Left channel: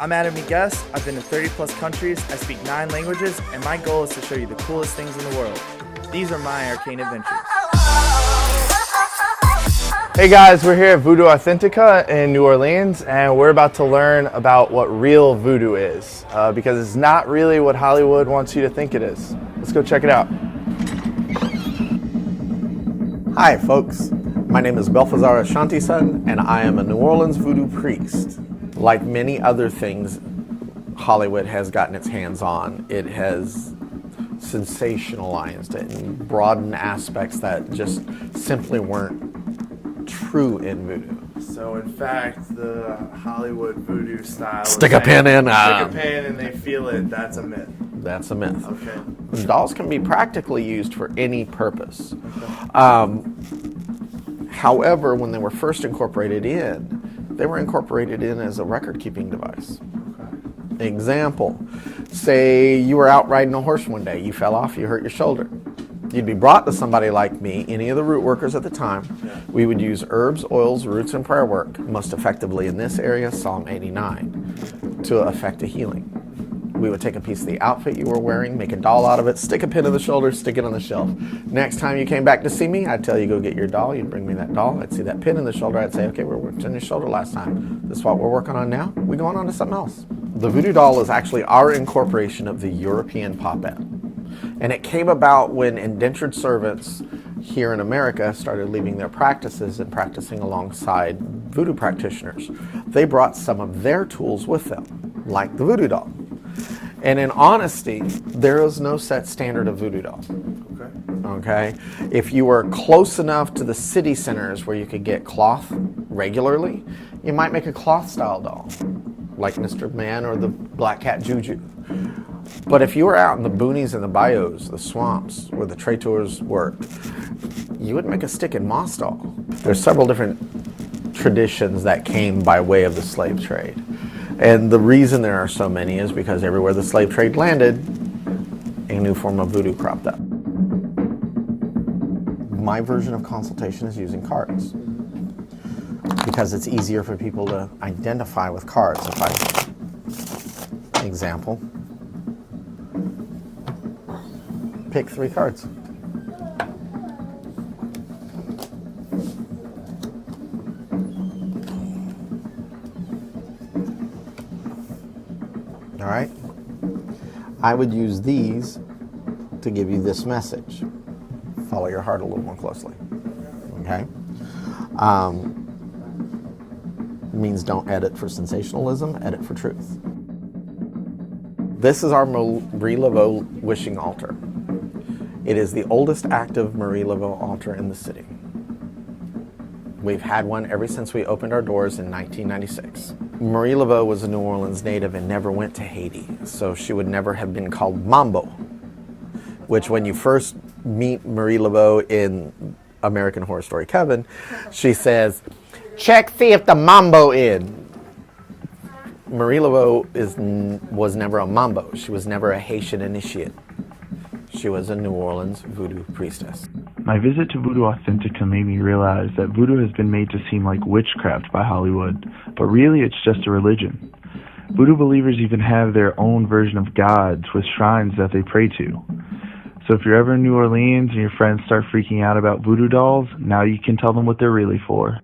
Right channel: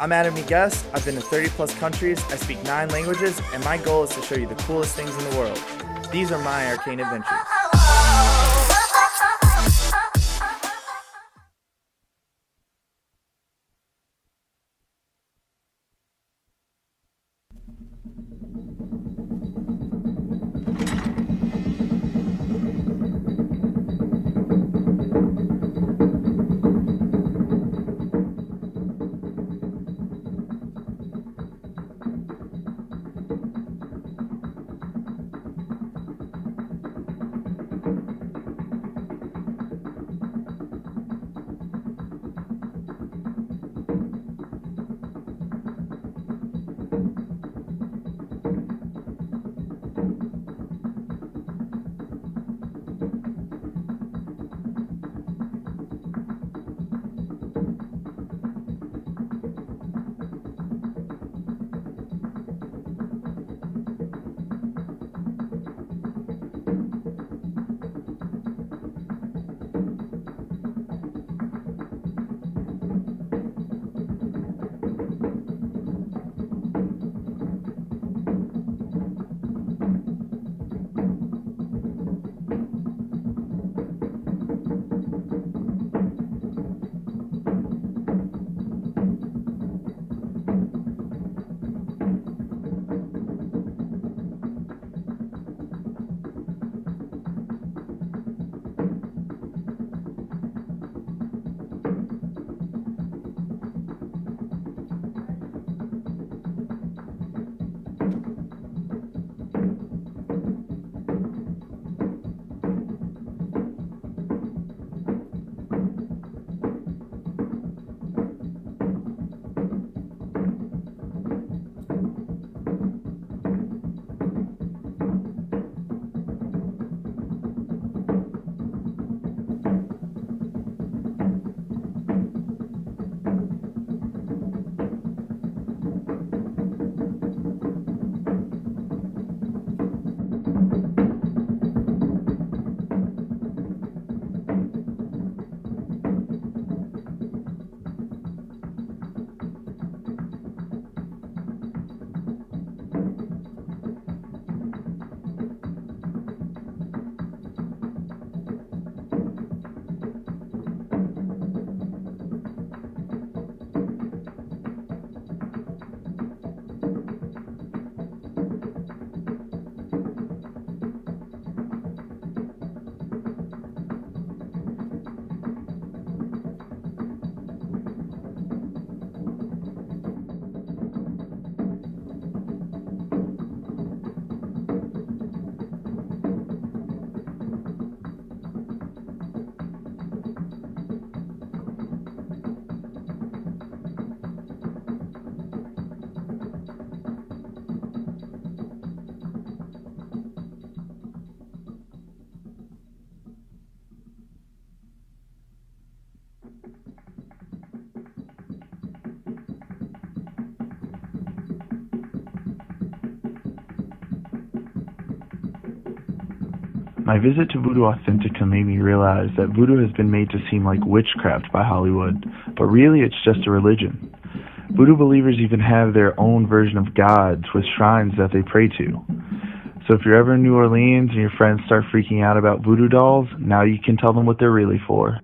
I'm Adam Guest. I've been to 30 plus countries, I speak 9 languages, and my goal is to show you the coolest things in the world. These are my arcane adventures. Hey guys, we're here at Voodoo Authentica in New Orleans, and we're about to learn about what real voodoo is, because it's not really what Hollywood wants you to think it is. Let's go check it out. Hi folks, my name is Belfazar Ashanti-son, and I am a New Orleans voodoo priest. Like many other things Hollywood has gotten its hands on, it has sensationalized it and broadened aspects that just simply weren't true in voodoo. So in fact, the Hollywood voodoo style Stick a pin in. Stick a pin and they feel it, that's a myth. That's a myth. Okay. Dolls can be practically used for any purpose. However, when they were first incorporated in, they were incorporated in as a record-keeping device. Example, say you were out riding a horse one day, you fell off, you hurt your shoulder. You'd be brought to somebody like me, any of the root workers at the time. We would use herbs, oils, roots, and prayer work, most effectively in this area, Psalm 89, to effect a healing. We would take a piece of the outfit you were wearing, make a doll out of it, stick a pin in the shoulder, stick it on the shelf. Next time you came back to see me, I'd tell you go get your doll, you'd bring me that doll, I'd see that pin in the shoulder, I'd say, okay, we worked on your shoulder last time. This is what we're working on now, we're going on to something else. The voodoo doll is actually our incorporation of the European puppet. And it came about when indentured servants here in America started leaving their practices and practicing alongside voodoo practitioners. They brought some of their tools with them, like the voodoo doll. And in honesty, there is no set standard of voodoo doll. Okay? If you were close enough to the city centers where you could get cloth regularly, you might make a cloth style doll, like Mr. Man or the Black Cat Juju. But if you were out in the boonies and the bayous, the swamps where the traitors worked, you would make a stick and moss doll. There's several different traditions that came by way of the slave trade. And the reason there are so many is because everywhere the slave trade landed, a new form of voodoo cropped up. My version of consultation is using cards, because it's easier for people to identify with cards. Example, pick 3 cards. All right, I would use these to give you this message. Follow your heart a little more closely, okay? Means don't edit for sensationalism, edit for truth. This is our Marie Laveau wishing altar. It is the oldest active Marie Laveau altar in the city. We've had one ever since we opened our doors in 1996. Marie Laveau was a New Orleans native and never went to Haiti, so she would never have been called Mambo, which when you first meet Marie Laveau in American Horror Story Coven, she says, check, see if the Mambo in. Marie Laveau was never a Mambo. She was never a Haitian initiate. She was a New Orleans voodoo priestess. My visit to Voodoo Authentica made me realize that voodoo has been made to seem like witchcraft by Hollywood, but really it's just a religion. Voodoo believers even have their own version of gods with shrines that they pray to. So if you're ever in New Orleans and your friends start freaking out about voodoo dolls, now you can tell them what they're really for.